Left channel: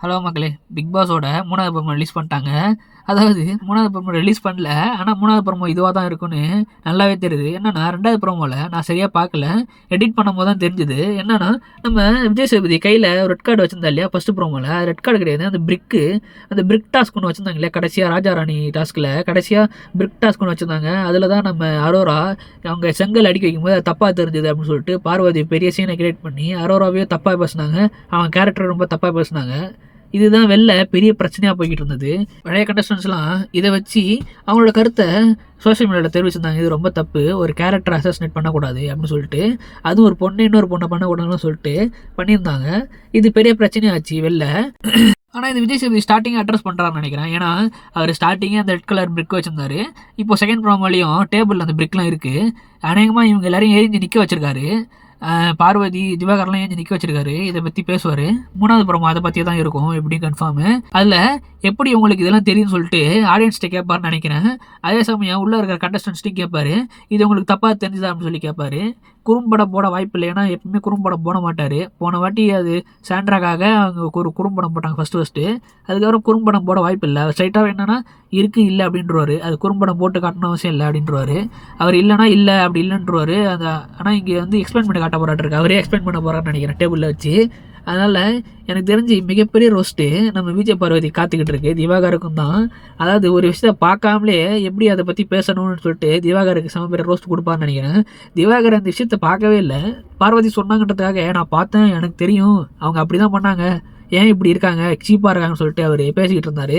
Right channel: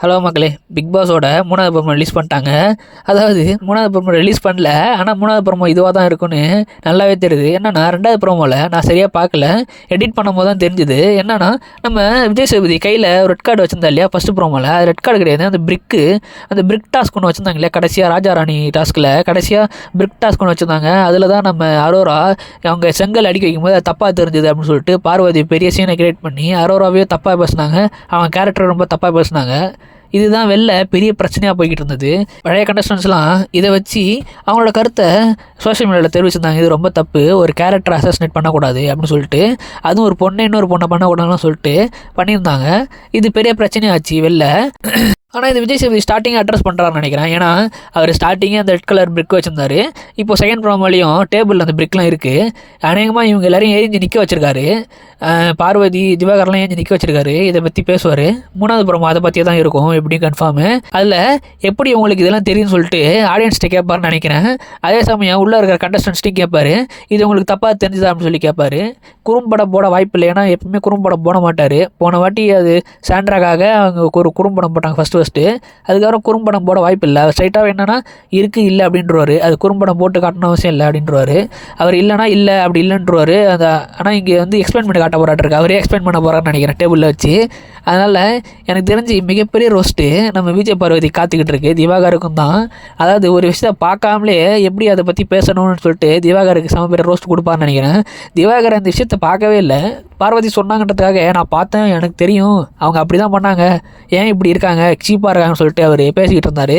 Hello மக்களே, big பாஸோட 3வது promo release பண்ணிட்டாங்க. அதாவது 3வது ப்ரோமோ ரிலீஸ் பண்ணல. ஆனால் 3வது ப்ரோமோ இதுவாக தான் இருக்குன்னு நல்லாவே தெரியுது. என்னன்னா 2வது ப்ரோமோவில் நான் சரியாக பார்க்கல, எடிட் பண்ணும்போது தான் தெரிஞ்சுது. என்னன்னா நம்ம விஜய் சேதுபதி கையில் ரெட் கார்டு வச்சிருந்தா இல்லையா ஃபஸ்ட்டு ப்ரோமோவில், அது ரெட் கார்டு கிடையாது. அந்த பிரிக் டாஸ்க் ஒன்று வச்சுருந்தாங்க இல்லையா கடைசியாக ராஜா ராணி டாஸ்கில் கடைசியாக பிரிக் டாஸ்க் ஒன்று வச்சுருந்தாங்க. அதில் தான் நம்ம அரோரா அவங்க செங்கல் அடிக்க வைக்கும்போது அது தப்பாக தெரிஞ்சுது அப்படின்னு சொல்லிட்டு பார்வதி பெரிய சீனை கிரியேட் பண்ணி அரோராவே தப்பாக பேசுனாங்க. அவங்க கேரக்டர் ரொம்ப தப்பாக பேசுனாங்க. இதுதான் வெளில பெரிய பிரச்சனையாக போய்கிட்டு இருந்தது. பழைய கண்டஸ்டன்ஸ்லாம் இதை வச்சு அவங்களோட கருத்தை சோஷியல் மீடியாவில் தெரிவிச்சிருந்தாங்க. இது ரொம்ப தப்பு, ஒரு கேரக்டர் அசாசினேட் பண்ணக்கூடாது அப்படின்னு சொல்லிட்டு, அதுவும் ஒரு பொண்ணை இன்னொரு பொண்ணை பண்ணக்கூடாதுன்னு சொல்லிட்டு பண்ணியிருந்தாங்க. இது பெரிய பிரச்சனையாச்சு வெளில. ஆனால் இது விஜய் சேதுபதி ஸ்டார்டிங்கே அட்ரஸ் பண்ணுறாருன்னு நினைக்கிறேன். ஏன்னா அவர் ஸ்டார்டிங்கே அந்த ரெட் கலர் பிரிக் வச்சிருந்தாரு. இப்போ செகண்ட் ப்ரோமோலையும் டேபிளில் அந்த பிரிக்லாம் இருக்குது. அநேகமாக இவங்க எல்லாரையும் எரிஞ்சு நிற்க வச்சிருக்காரு. பார்வதி திவாகர்லாம் ஏஞ்சி நிற்க வச்சிருக்காரு. இதை பற்றி பேசுவார். 3வது ப்ரோமோ அதை பற்றியே தான் இருக்கும் எப்படி கன்ஃபார்மு. அதில் எப்படி உங்களுக்கு இதெல்லாம் தெரியும்னு சொல்லிட்டு ஆடியன்ஸ்கிட்ட கேட்பாருன்னு நினைக்கிறேன். அதே சமயம் உள்ளே இருக்கிற கண்டஸ்டன்ஸ்ட்டையும் கேட்பாரு, இது உங்களுக்கு தப்பாக தெரிஞ்சுதா அப்படின்னு சொல்லி கேட்பாரு. குறும்படம் போட வாய்ப்பு இல்லை, ஏன்னா எப்பவுமே குறும்படம் போட மாட்டார். போன வாட்டி அது சாண்ட்ராக்காக அவங்க ஒரு குறும்படம் போட்டாங்க ஃபஸ்ட்டு. அதுக்கப்புறம் குறும்படம் போட வாய்ப்பு இல்லை. ஸ்ட்ரைட்டாக என்னன்னா இருக்குது இல்லை அப்படின்றவாரு. அது குறும்படம் போட்டு காட்டணும் அவசியம் இல்லை அப்படின்றவாரு. அவர் இல்லைனா இல்லை அப்படி இல்லைன்றவாரு. அதை ஆனால் இங்கே வந்து எக்ஸ்பிளைன் பண்ணி காட்ட போராட்டிருக்கு. அவரே எக்ஸ்பிளைன் பண்ண போகிறான்னு நினைக்கிறேன் டேபிளில் வச்சு. அதனால் எனக்கு தெரிஞ்சு மிகப்பெரிய ரோஸ்ட்டு நம்ம விஜய் பார்வதி காத்துக்கிட்டு இருக்கு. திவாகருக்கும் தான். அதாவது ஒரு விஷயத்தை பார்க்காமலே எப்படி அதை பற்றி பேசணும்னு சொல்லிட்டு திவாகருக்கு சம பெரிய ரோஸ்ட் கொடுப்பான்னு நினைக்கிறேன். திவாகர் அந்த விஷயத்தை பார்க்கவே இல்லை. பார்வதி சொன்னாங்கன்றதுக்காக நான் பார்த்தேன், எனக்கு தெரியும் அவங்க அப்படி தான் பண்ணாங்க, ஏன் இப்படி இருக்காங்க, சீப்பாக இருக்காங்கன்னு சொல்லிட்டு அவர் பேசிக்கிட்டு இருந்தார்.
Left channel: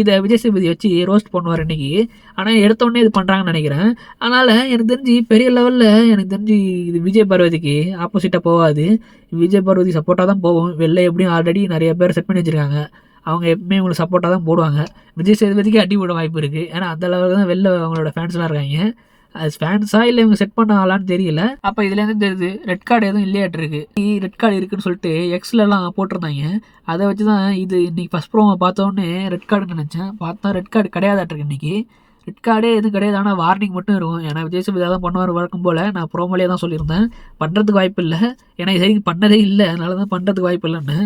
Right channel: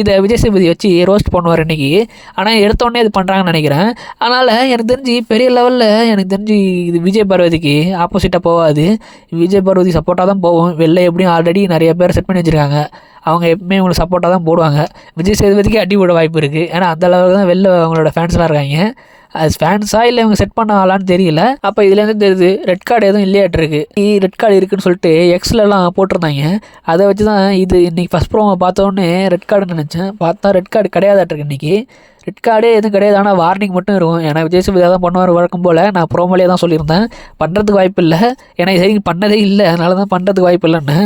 இதை விஜய் சேதுபதி வச்சு ரோஸ்ட் பண்ணுவார் இன்றைக்கி. ஆனால் எடுத்தோடனே இது பண்ணுறாங்கன்னு நினைக்கிறேன். அதனால் எனக்கு தெரிஞ்சு பெரிய லெவலில் எனக்கு தெரிஞ்சு இது விஜய் பார்வதிக்கு ஆப்போசிட்டாக போகாது. விஜய் பார்வதி சப்போர்ட்டாக தான் போவோம். வெளில எப்படியும் ஆல்ரெடி நிறைய பேர் செட் பண்ணி வச்சுருக்காங்க. அவங்க எப்பவுமே அவங்களுக்கு சப்போர்ட்டாக தான் போடுவாங்க. விஜய் சேதுபதிக்கு அடி போட வாய்ப்பு இருக்குது. ஏன்னா அந்த அளவுக்கு தான் வெளில அவங்களோட ஃபேன்ஸ்லாம் இருக்காங்க. அது ஃபேன்ஸாக இல்லை இவங்க செட் பண்ண ஆளான்னு தெரியல. அப்போ இதுலேருந்து தெரியுது ரெட் கார்டு எதுவும் இல்லையாட்டிருக்கு. ரெட் கார்டு இருக்குதுன்னு சொல்லிட்டு எக்ஸ்லலாம் போட்டிருந்தாங்க. அதை வச்சு தான் இது இன்றைக்கி ஃபஸ்ட் ப்ரோமோ பார்த்தோன்னே ரெட் கார்டுன்னு நினச்சேன். பார்த்தா ரெட் கார்டு கிடையாதாட்டிருக்கு இன்றைக்கி. ரெட் கார்டே எதுவும் கிடையாது, ஆனால் வார்னிங் மட்டும் இருக்கும். ஏன்னா விஜய் சேதுபதி தான் பண்ணுவார் வழக்கம் போல். நான் ப்ரோமோலேயே தான் சொல்லியிருந்தேன் பண்ணுறதுக்கு வாய்ப்பு இல்லை, ஏன்னா இது வரைக்கும் பண்ணதே இல்லை, அதனால தான் பண்ணுறதுக்கு வாய்ப்பு இல்லைன்னு.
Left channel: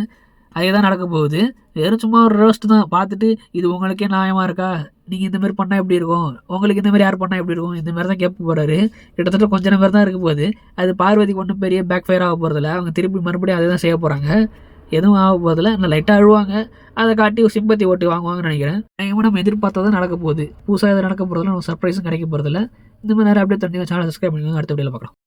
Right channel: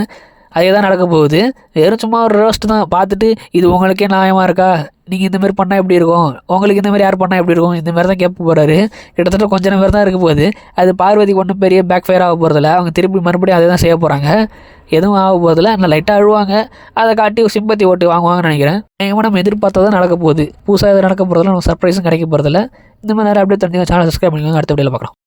அதே தான் நடக்க போகுது. வெறும் சும்மா ஒரு ரோஸ்ட் தான். பார்த்துட்டு இது உங்களுக்கே நியாயமாக இருக்கா, நீங்கள் இந்தமாரி பண்ணால் எப்படி இருக்கும், உங்களுக்கு இந்தமாரி யார் பண்ணால் எப்படி இருக்கும், இந்தமாரி தான் கேட்க போகிறாரு. கிட்டத்தட்ட கொஞ்சம் நேரம் தான் இருக்க போகுது. அது பார்வதிக்கு ஒன்றும் பெரிய பேக் ஃபயர் ஆக போகிறதில்ல. அவங்க திருப்பி மறுபடியும் அதே தான் செய்ய போகிறாங்க. எதுவும் ஆக போகிறதில்ல. ஆனால் லைட்டாக அழுவாங்க. அதை காட்டி சிம்பத்தி ஓட்டு வாங்குவாங்கன்னு நினைக்கிறேன். நீங்கள் நம்ம எதிர்பார்த்தா நடக்க போகுது. புதுசாக எது நடக்க போகிறதில்ல, நம்ம சர்ப்ரைஸும் கிடைக்க போகிறதில்ல. இந்த மாதிரி நேரம் அப்படியே தெரிஞ்சுங்க. சேனல் சப்ஸ்கிரைப் பண்ணிக்கோங்க. அடுத்த வீடியோவில் பார்க்குறோம்.